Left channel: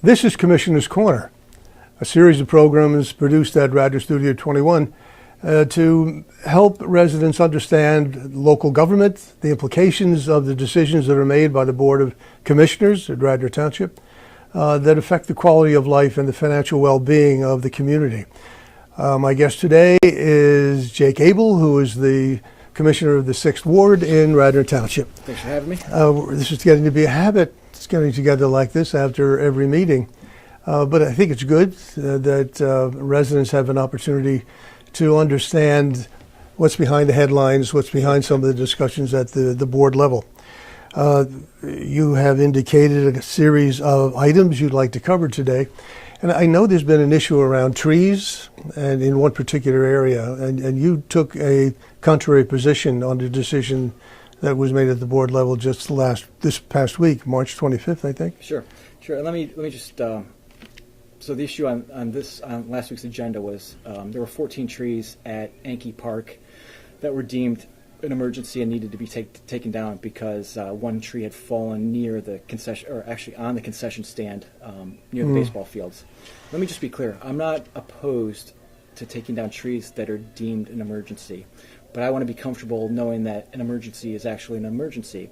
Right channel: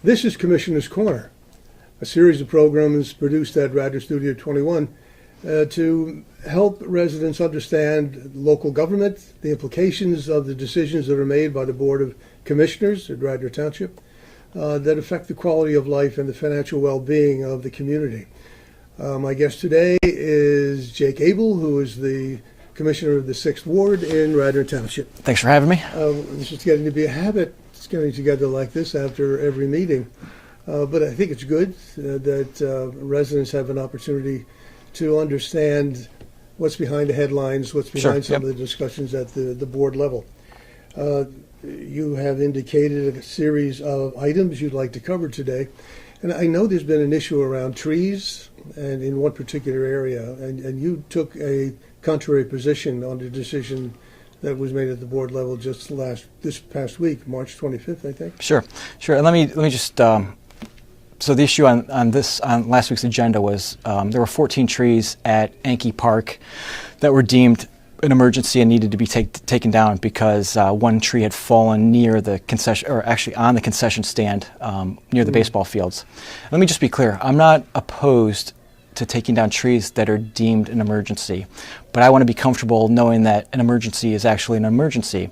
This is Commissioner's Corner, a series of programs produced at Radnor Studio 21 to help residents understand local government, the implications of the decisions that are made by the Board of Commissioners at Radnor Township that affect the quality of life and the financial well-being of the community. My guest today is Jake Abel, who is the Commissioner of the 6th Ward in Radnor Township. Thanks for having me. This is getting to be a habit. It's getting together like this after every meeting. But I think it's good that residents have an opportunity to understand what's behind the headlines, what's behind some of the discussions at the board level. You have indicated a series of items you'd like to cover today. And I know there's been an issue around trees and in one particular area, and you took a contrary position on the decision that was made at the board level just this past week, March 25th, I think. Sure. And let me just. So the issue on last week's agenda was there were 14 trees at Yankee Park that were deemed an emergency and needed to be taken down because one tree had fallen near the concession, or actually on the concession stand near the baseball fields. Let me just be clear. I'm not opposed to taking down trees that are deemed an emergency, but I want to be comfortable knowing that an emergency is actually an emergency.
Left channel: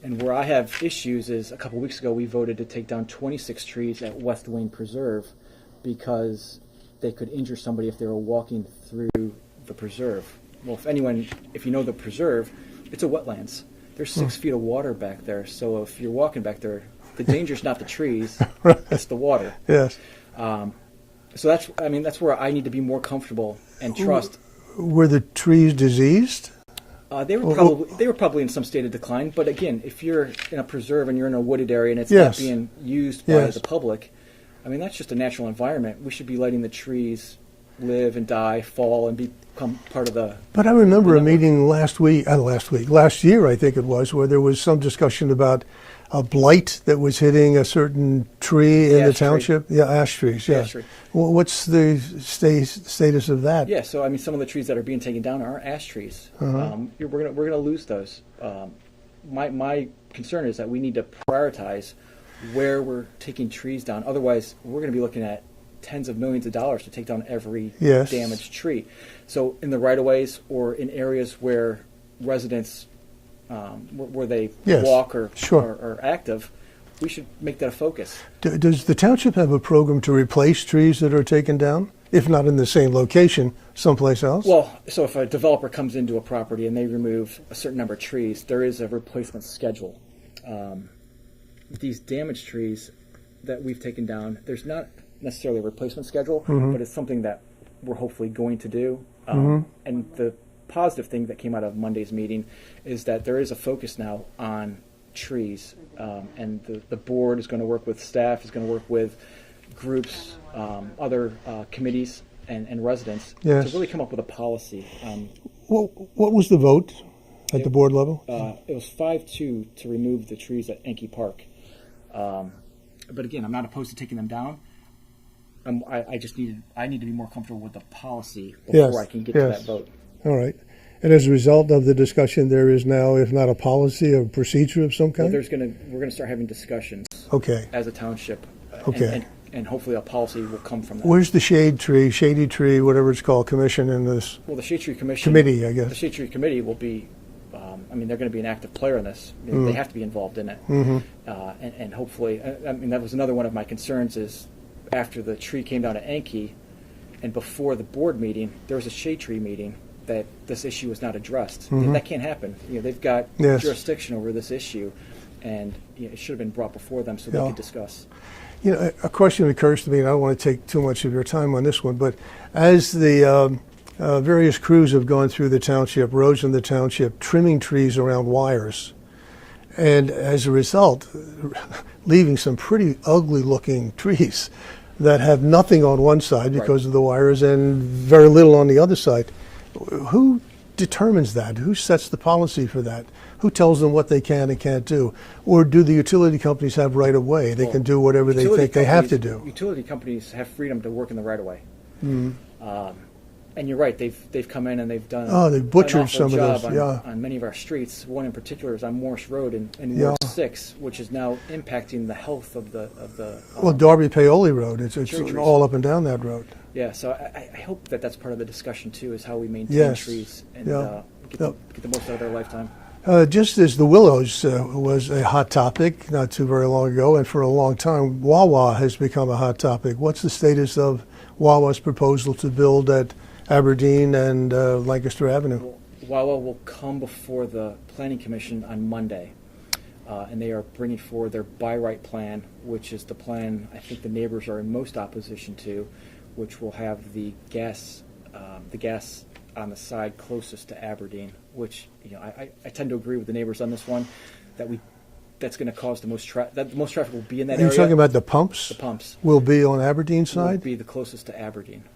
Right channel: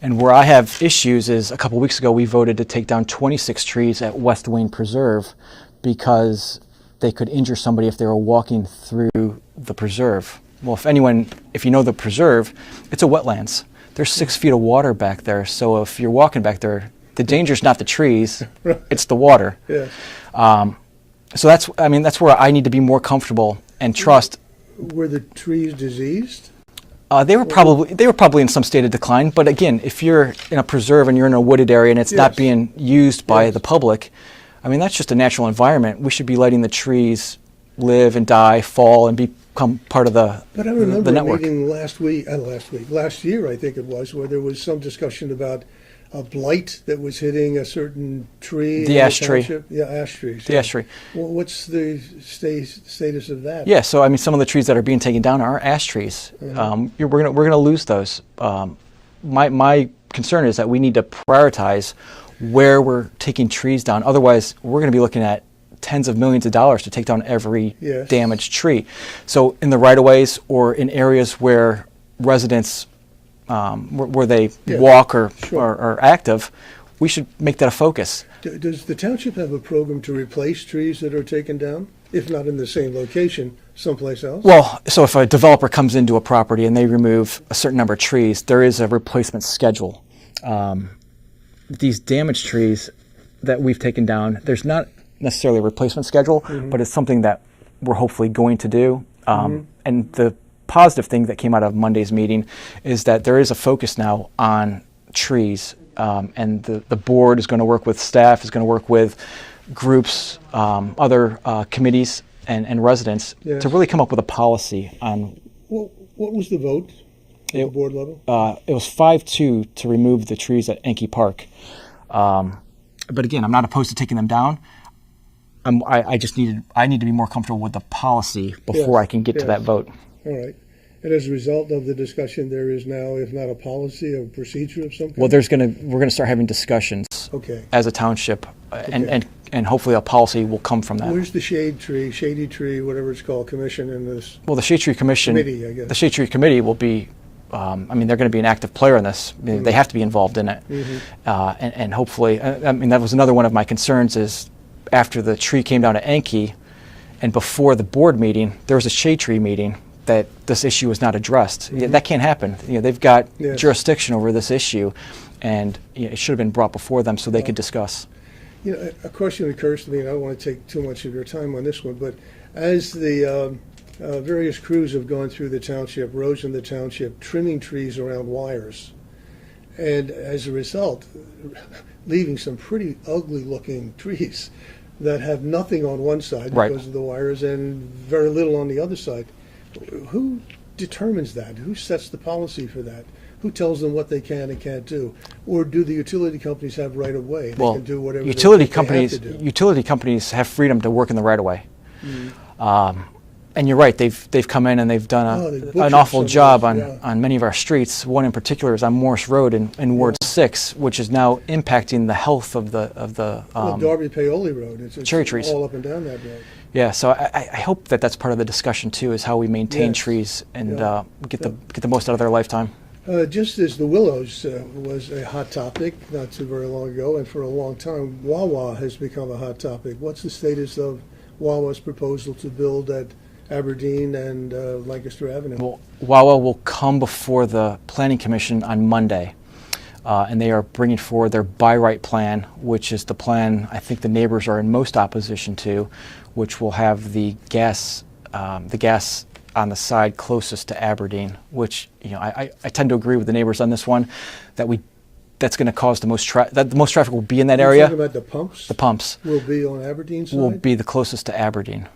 And where I have issues is a couple weeks ago we voted to take down 26 trees at West Wayne Preserve because they could injure somebody if they were walking through the preserve. Well, if you know the preserve, it's a wetlands. There's 6 feet of water back there, so if you're walking back there, the danger's not the trees, it's the water. Yes. So that's where I need to be more comfortable and trust. Were the trees diseased? They were probably in some state of decline. But again, if you're in a preserve and you're in a wooded area and it's not being used by the public, that's just a natural environment. We should be letting the trees live and die, fall, and become part of the. But I remember a meeting last year, I think it was, where there was some discussion about a blight that was hitting a certain tree in the township. Yeah, ash trees. The ash tree. Well, what's the status of that? Yeah, so some of the trees that are being taken down are ash trees. We're gonna lose those. My concern is that we need to prioritize where we're taking trees down. Otherwise, we're going to be looking at tens of millions of dollars to take down every damaged tree. So in the right-of-ways or in areas where residents where they walk or are active, we should make that a focus. Does the township have a program to replace trees that are taken down, if not in the same location, someplace else? Well, so if a developer comes into a property and they remove a certain number of trees, there is a replacement schedule. These damaged trees that we've taken down, there's not necessarily a replacement schedule, but it's something that we're hopefully going to do. And the positive thing that came out of Monday's meeting is that there is a focus now on trees, and the board is going to work with staff, is going to work with groups, other committees and residents to really come up with a policy on. What was the vote at the board level? It was 5-2 to remove the trees at Yankee Park. But again, I'm not opposed to taking them down. I need to be more comfortable with the policy before I can get to that vote. All right. And as a result of the discussion, there is now, if not a policy, a procedure of some kind? Well, we're going to start having discussions as a township, and hopefully a policy will come from that. Where's the shady tree, whatever it's called, commission in this? Well, the Shade Tree Commission. Committee, I guess. The Shade Tree Committee will be, they're going to be an active player in this. They have to be involved in it. And hopefully, that was another one of my concerns is after the tree came down at Yankee and before the board meeting, there was a shade tree meeting that this issue was not addressed. That can't happen. They've got jurisdiction over this issue, and it should have been brought before them so they could discuss. A question occurs to me, and I don't want to take too much of your time on this one, but as the various crews have gone through the township, roads in the township, trimming trees around wires, and as a result, leaving some pretty ugly-looking trees that have nothing on one side because of the wires and very little on the other side. Who determines that? Who sets the policy for that? Who tells them what they can and can't do? Or do the utility companies have right of way? They can do whatever they think they have to do. Utility companies have freedom to work in the right of way. And you're right, they've come in and they've done they've an butchered awful some of job those, on many of our streets. One in particular is on Morse Road in Ward 6, which is now impacting the health of the well, Darby Paoli Road, it's cherry trees. all up and down that road. Yeah, so I hope that that's part of the discussion too, is how we maintain Yes. trees and Yeah. get the most out of their lifetime. Just as the Willows was a hot topic not too very long ago, and for a long time, Wawa has become a hot topic. What's the status of Wawa's proposal to build at Aberdeen and Lancaster Avenue? Well, Wawa will come before the Planning Commission on Monday, and they are bringing forward their by right plan, which is the plan I think the neighbors are in most opposition to, which will have the gas on the side closest to Aberdeen, which I tend to agree with the neighbors on this one, that's going to cause the most traffic will be in that You're area. talking about the pumps? The pumps Will be on Aberdeen side? will be the closest to Aberdeen.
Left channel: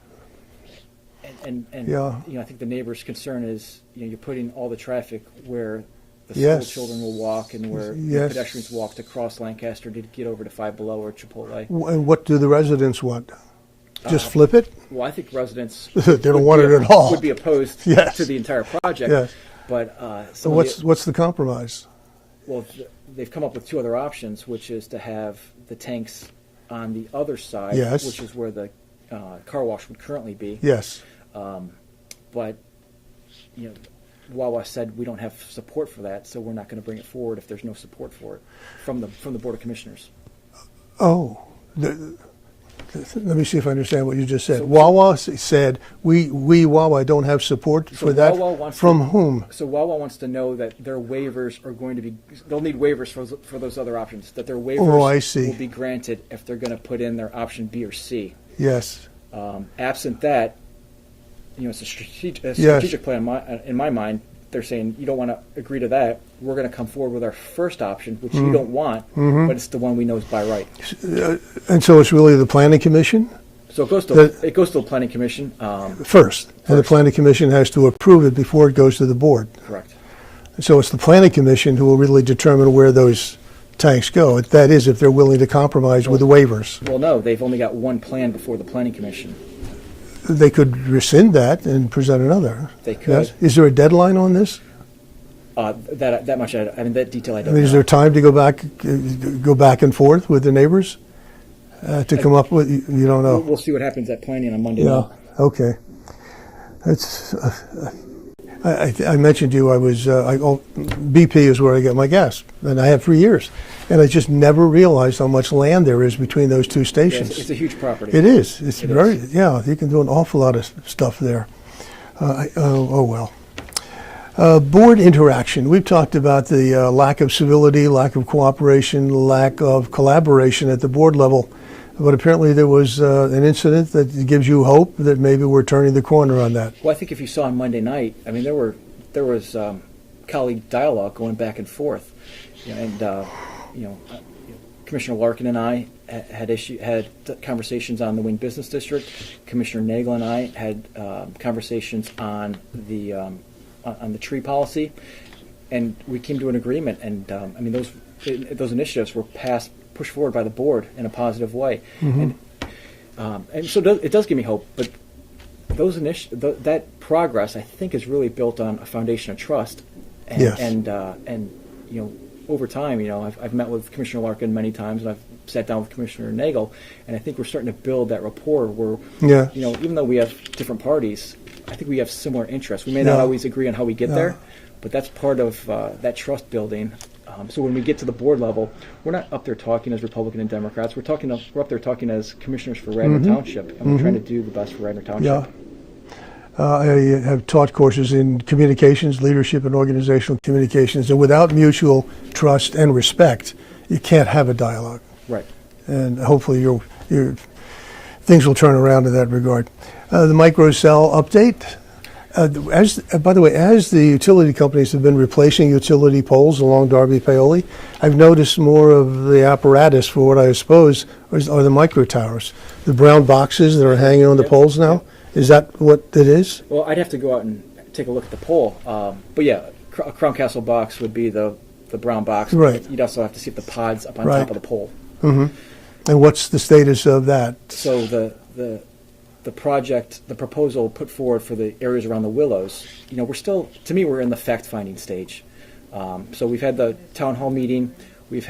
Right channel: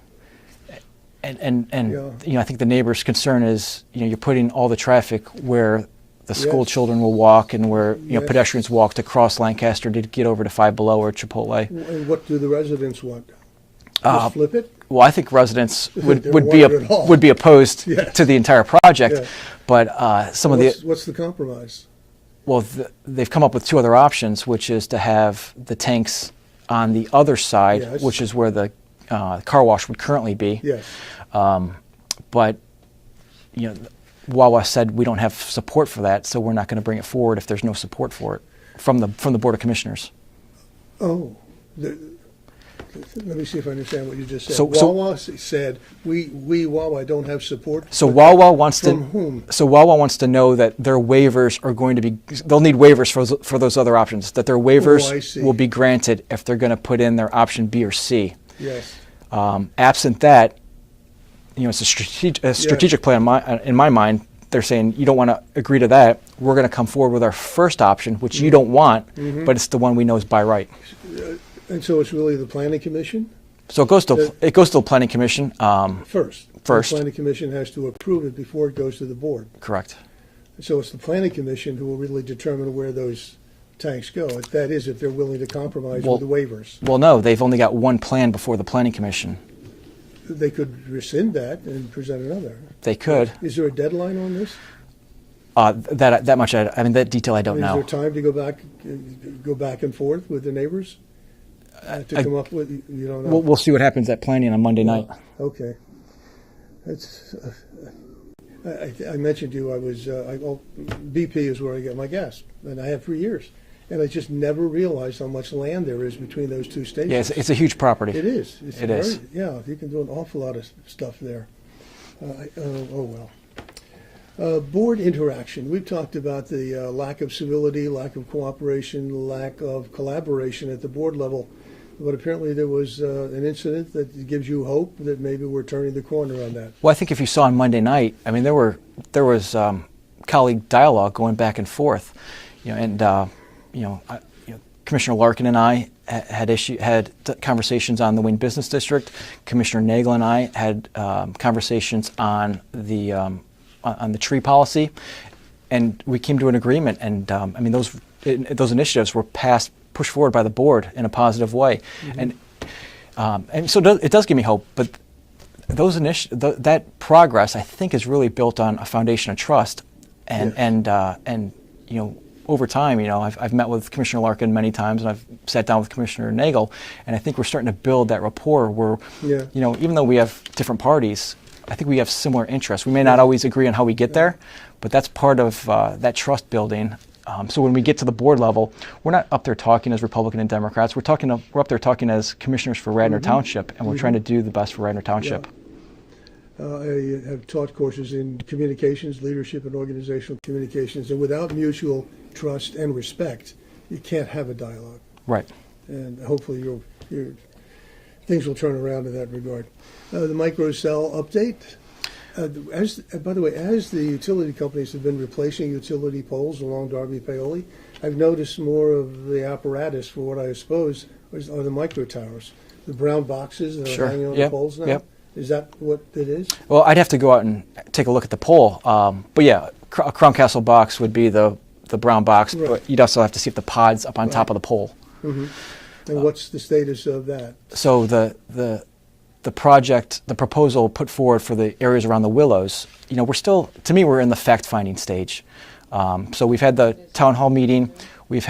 And Yeah. I think the neighbor's concern is you're putting all the traffic where the school Yes. children will walk and where Yes. pedestrians walk to cross Lancaster to get over to Five Below or Chipotle. And what do the residents want? Just flip it? Well, I think residents They don't want it at all. would be opposed Yes. to the entire project. Yeah. But What's the compromise? well, they've come up with two other options, which is to have the tanks on the other side, Yes. which is where the car wash would currently be. Yes. But Wawa said we don't have support for that, so we're not going to bring it forward if there's no support for it from the Board of Commissioners. Oh. Let me see if I understand what you just said. So- Wawa said, we Wawa don't have support So for that. Wawa wants From to, whom? So Wawa wants to know that their waivers are going to be. They'll need waivers for those other options. That their I waivers see. will be granted if they're going to put in their option B or C. Yes. Absent that, it's a strategic plan in my mind. They're saying you don't want to agree to that. We're going to come forward with our first option, which you don't want, but it's the one we know is by right. And so it's really the Planning Commission So it goes to the Planning Commission. first. And the First. Planning Commission has to approve it before it goes to the board. Correct. So it's the Planning Commission who will really determine where those tanks go. That is, if they're willing to compromise with the waivers. Well, no, they've only got one plan before the Planning Commission. They could rescind that and present another. They could. Yes. Is there a deadline on this? That much, that detail I don't know. Is there time to go back and forth with the neighbors to come up with? You don't know. We'll see what happens at planning on Monday night. Okay. That's. I mentioned to you BP is where I get my gas, and I have for years, and I just never realized how much land there is between those two Yeah, stations. it's a huge property. It is. It's It very. is. Yeah, you can do an awful lot of stuff there. Oh well. Board interaction. We've talked about the lack of civility, lack of cooperation, lack of collaboration at the board level. But apparently there was an incident that gives you hope that maybe we're turning the corner on that. Well, I think if you saw on Monday night, there was colleague dialogue going back and forth, Commissioner Larkin and I had conversations on the Wayne Business District. Commissioner Nagel and I had conversations on the tree policy, and we came to an agreement. And those initiatives were pushed forward by the board in a positive way, and so it does give me hope. But that progress, I think, is really built on a foundation of trust, and over time, I've met with Commissioner Larkin many times, and I've sat down with Commissioner Nagel, and I think we're starting to build that rapport where, even though we have different parties, I think we have similar interests. We may not always agree on how we get there, but that's part of that trust building. So when we get to the board level, we're not up there talking as Republican and Democrats. We're up there talking as commissioners for Radnor Township, and we're trying to do the best for Radnor Township. I have taught courses in communications, leadership, and organizational communications, and without mutual trust and respect, you can't have a dialogue. Right. And hopefully your things will turn around in that regard. The microcell update. By the way, as the utility companies have been replacing utility poles along Darby Paoli, I've noticed more of the apparatus for what I suppose are the micro towers, the brown boxes that are hanging on the poles now. Yep. Is that what it is? Well, I'd have to go out and take a look at the pole. But yeah, a Crown Castle box would be the brown box. Right. But you'd also have to see if the pod's up on top of the pole. And what's the status of that? So the the proposal put forward for the areas around the Willows, we're in the fact-finding stage. So we've had the town hall meeting, they've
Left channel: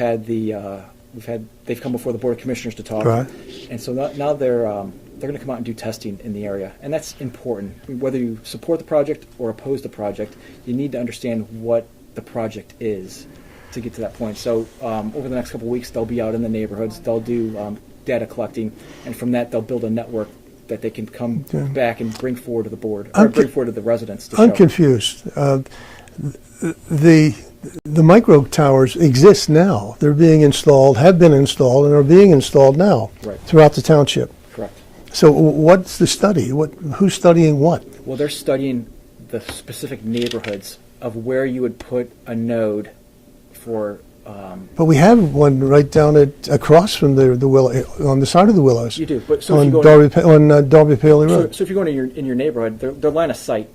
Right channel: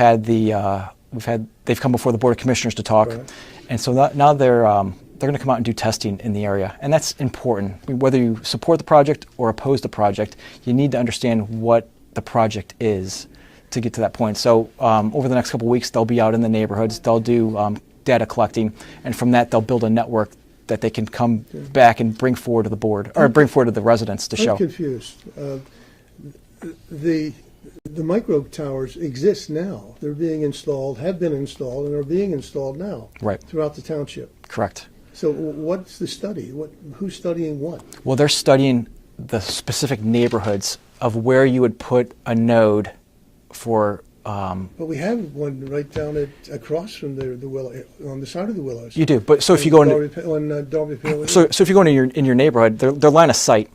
come before the Board of Commissioners to talk, Right. and so now they're going to come out and do testing in the area, and that's important. Whether you support the project or oppose the project, you need to understand what the project is to get to that point. So over the next couple of weeks, they'll be out in the neighborhoods, they'll do data collecting, and from that they'll build a network that they can come back and bring forward to the board, or bring forward to the residents to show. I'm confused. The micro towers exist now. They're being installed, have been installed, and are being installed now throughout the township. Correct. So what's the study? Who's studying what? Well, they're studying the specific neighborhoods of where you would put a node for. But we have one right down across from the Willow, on the side of the Willows. You do, but so if you go on Darby Paley Road. So if you go in your neighborhood, they're line of sight.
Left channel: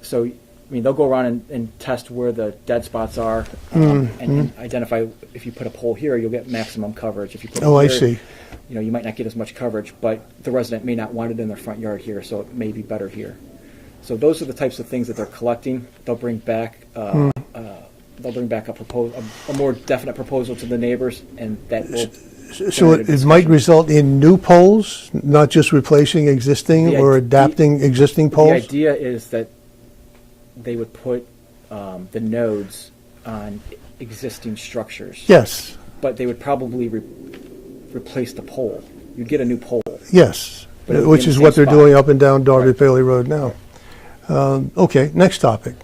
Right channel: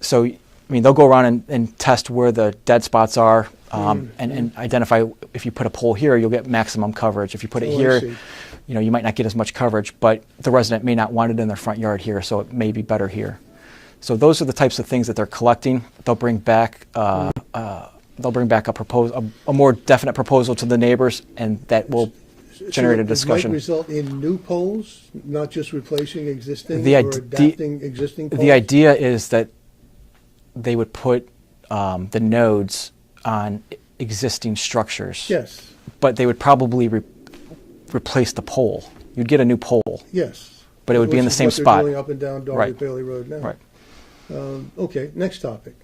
So they'll go around and test where the dead spots are, and identify if you put a pole here, you'll get maximum coverage. If you put it here, I see. You might not get as much coverage, but the resident may not want it in their front yard here, so it may be better here. So those are the types of things that they're collecting. They'll bring back a more definite proposal to the neighbors, and that will. So it might result in new poles, not just replacing existing or adapting existing poles. The idea is that they would put the nodes on existing structures. Yes. But they would probably replace the pole. You'd get a new pole. Yes. But it would which be in the is same what they're spot. doing up and down Darby Right. Paley Road now. Right. Okay, next topic.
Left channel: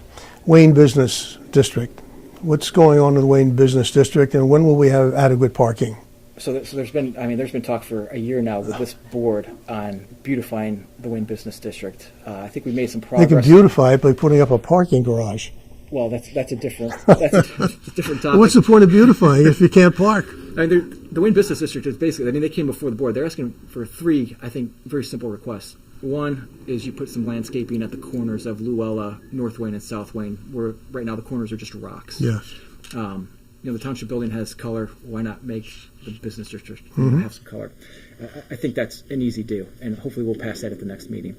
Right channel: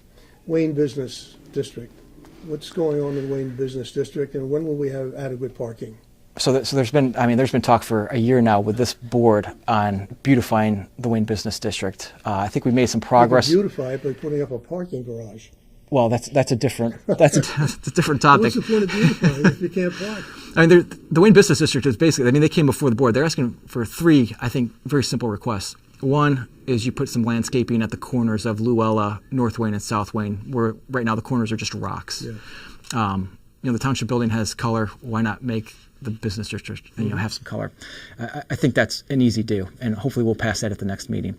Wayne Business District. What's going on in the Wayne Business District, and when will we have adequate parking? So there's been talk for a year now with this board on beautifying the Wayne Business District. I think we've made some progress. You can beautify it by putting up a parking garage. Well, that's a different that's a different topic. What's the point of beautifying if you can't park? The Wayne Business District is basically, they came before the board. They're asking for three, I think, very simple requests. One is you put some landscaping at the corners of Luella, North Wayne, and South Wayne, where right now the corners are just rocks. Yeah. The township building has color. Why not make the business district have some color? I think that's an easy do, and hopefully we'll pass that at the next meeting.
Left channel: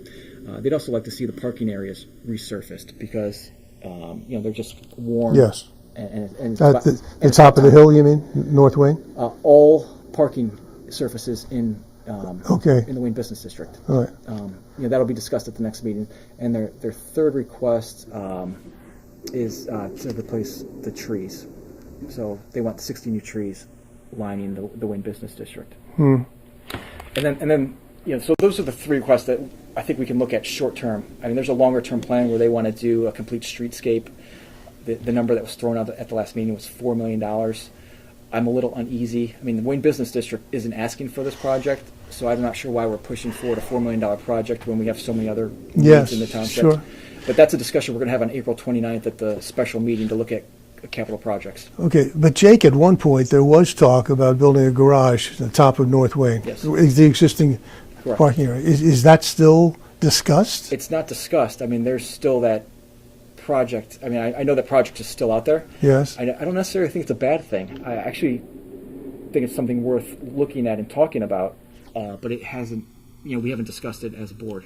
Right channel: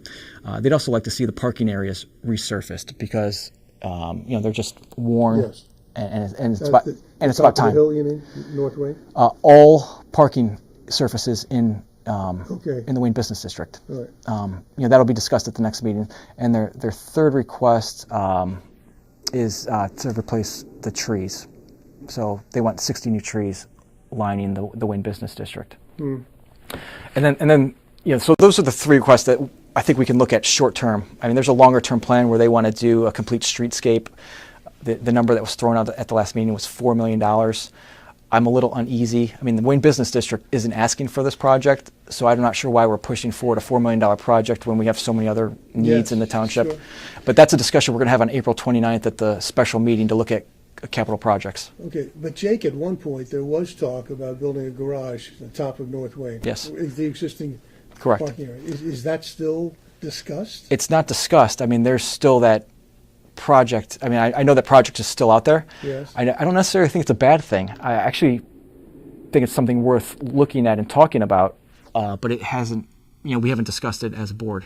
They'd also like to see the parking areas resurfaced because they're just worn. Yes. And it's At about, the and it's top about of the time. hill, you mean, North Wayne? All parking surfaces in Okay. in the Wayne Business District. All right. That'll be discussed at the next meeting. And their third request is to replace the trees. So they want 60 new trees lining the Wayne Business District. And then so those are the three requests that I think we can look at short term. There's a longer term plan where they want to do a complete streetscape. The number that was thrown out at the last meeting was $4 million. I'm a little uneasy. The Wayne Business District isn't asking for this project, so I'm not sure why we're pushing forward a $4 million project when we have so many other needs in the township. Sure. But that's a discussion we're going to have on April 29th at the special meeting to look at capital projects. Okay, but Jake, at one point there was talk about building a garage at the top of North Wayne. Yes. Is the existing Correct. parking area. Is that still discussed? It's not discussed. There's still that project. I know that project is still out there. Yes. I don't necessarily think it's a bad thing. I actually think it's something worth looking at and talking about, but it hasn't, we haven't discussed it as a board.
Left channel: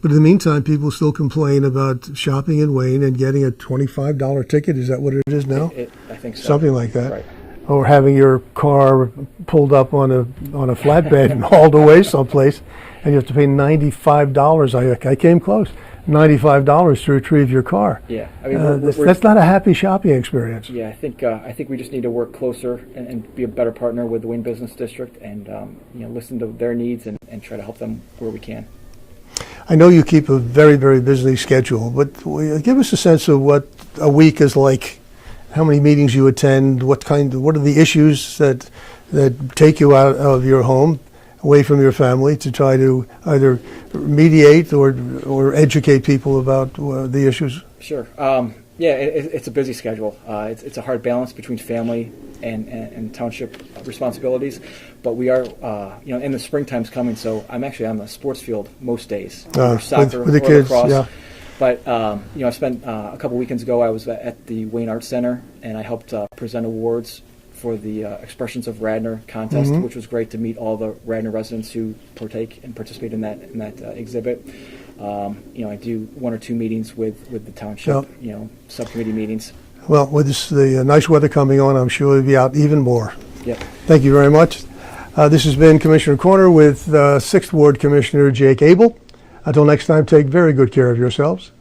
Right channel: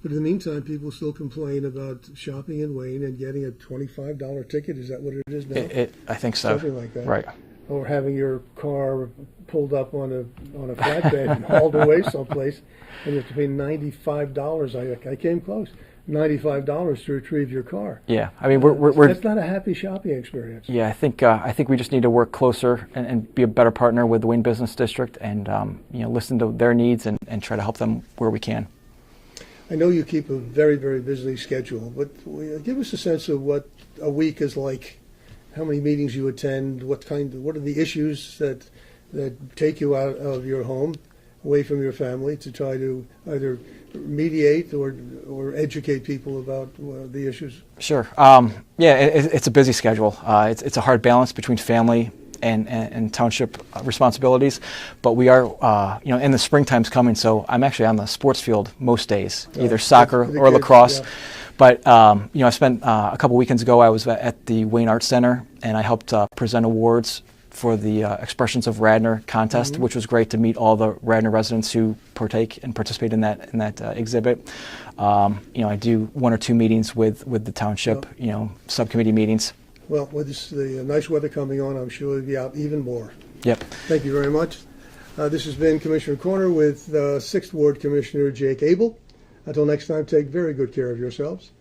But in the meantime, people still complain about shopping in Wayne and getting a $25 ticket. Is that what it is now? I think so. Something like that. Right. Or having your car pulled up on a flatbed and hauled away someplace, and you have to pay $95. I came close. $95 to retrieve your car. Yeah, that's not a happy shopping experience. Yeah, I think we just need to work closer and be a better partner with the Wayne Business District, and listen to their needs and try to help them where we can. I know you keep a very, very busy schedule, but give us a sense of what a week is like. How many meetings you attend? What are the issues that take you out of your home, away from your family, to try to either mediate or educate people about the issues? Sure. It's a busy schedule. It's a hard balance between family and township responsibilities, but we are, and the springtime's coming, so I'm actually on the sports field most days, either soccer or kids, lacrosse. Yeah. But I spent a couple weekends ago. I was at the Wayne Arts Center, and I helped present awards for the Expressions of Radnor contest, which was great to meet all the Radnor residents who participate in that exhibit. I do 1 or 2 meetings with the township, subcommittee meetings. Well, with the nice weather coming on, I'm sure we'll be out even more. Yep. Thank you very much. This has been Commissioner Corner with 6th Ward Commissioner Jake Abel. Until next time, take very good care of yourselves.